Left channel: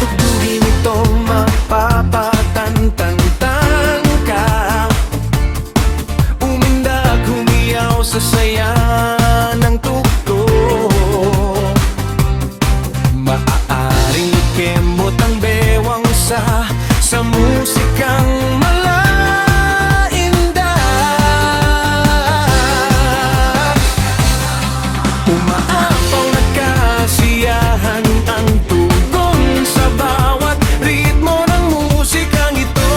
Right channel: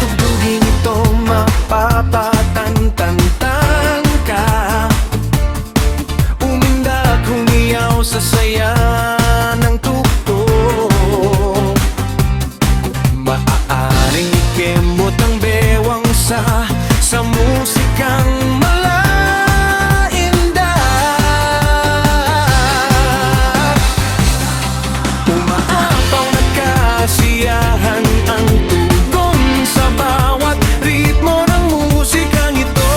tugtugin ito mapapatantantang ka, umindag, humiyaw sa saya ng tugtog. Maaaring ikemot ang bewang sa musikang malaindak. Umaapaw na kasiyahan ang tugon sa bawat ritmo ng musikang ito.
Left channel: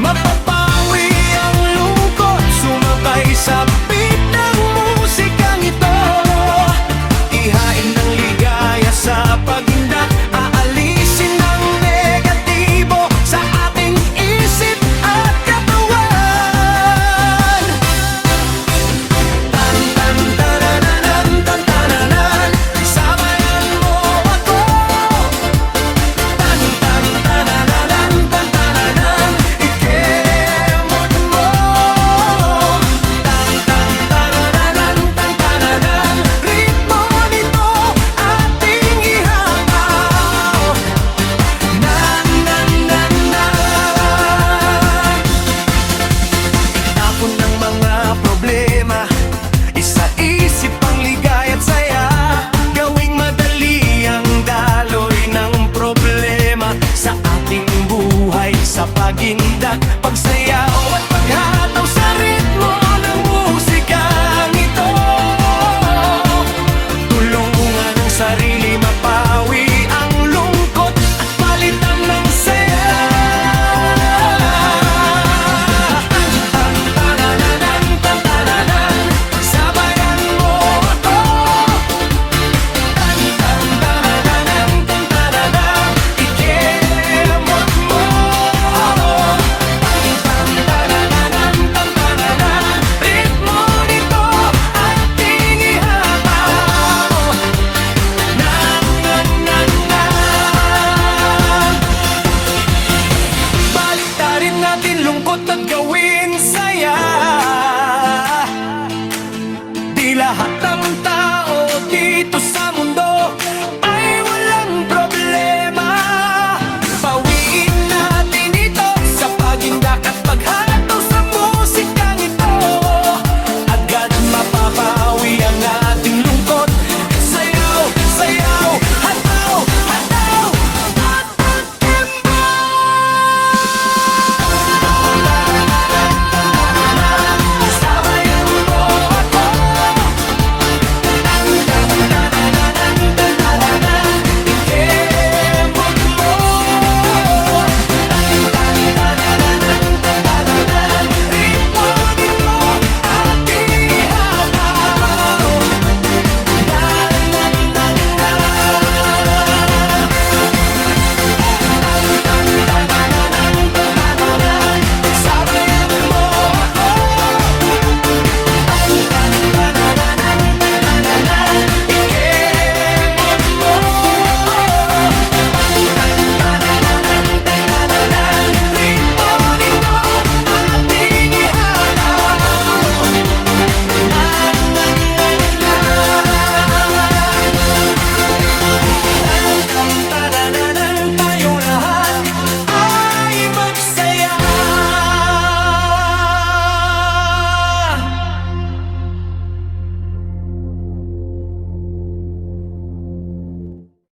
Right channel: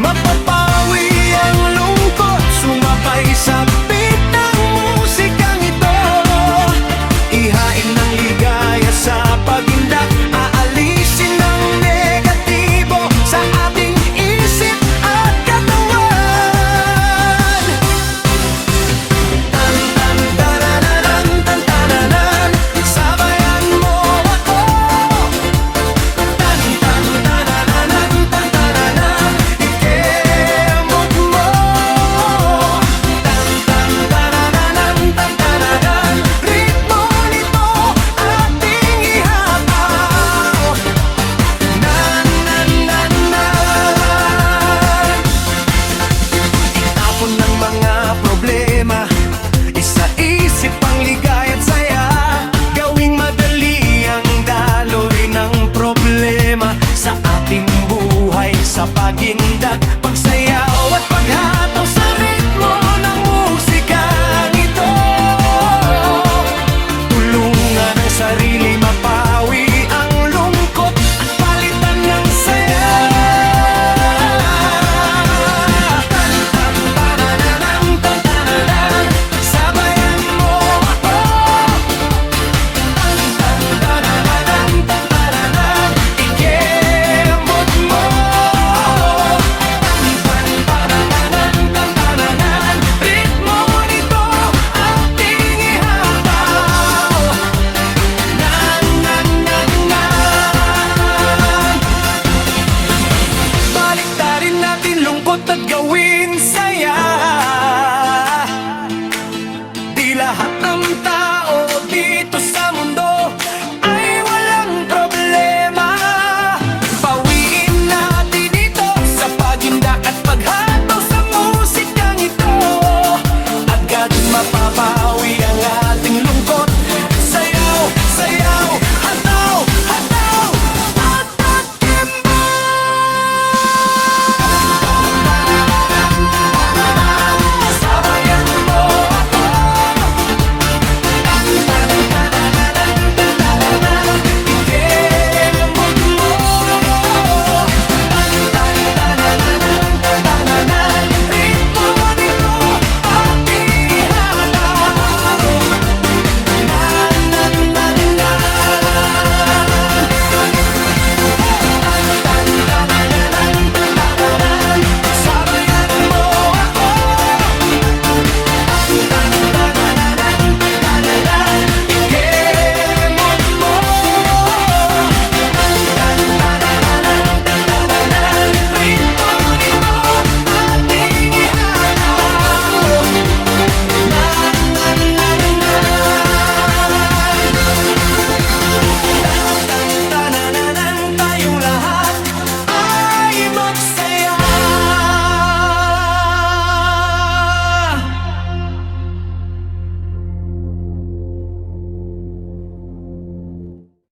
Mapapawi ang lungkot, sumabay sa beat ng musikang ito. Ihain ng ligaya sa pagindak, aalisin ang negatibo sa ating isip at katawan. Tan tan tananan, tan tananan, sabayan mo ako. Tan tan tananan, tan tananan, ikemot mo. Tan tan tananan, tan tananan, ritmo nito ating ihapaw. Nan nan nan nan. Itapon ng mga problema, isa-isip ang ligaya at saya. Gawing madali ang daloy ng problema sa ating buhay, sa pagindak, pagsayaw at paghataw sa ritmo ng musikang ito. Tulungan ang sarili mapawi ang lungkot at palitan ng saya. Tan tan tananan, tan tananan, sabayan mo ako. Tan tan tananan, tan tananan, ikemot mo. Tan tan tananan, tan tananan, ritmo nito ating ihapaw. Nan nan nan nan. Baliktarin natin lungkot at gawin saya. Di lahat ng tao dito sa mundo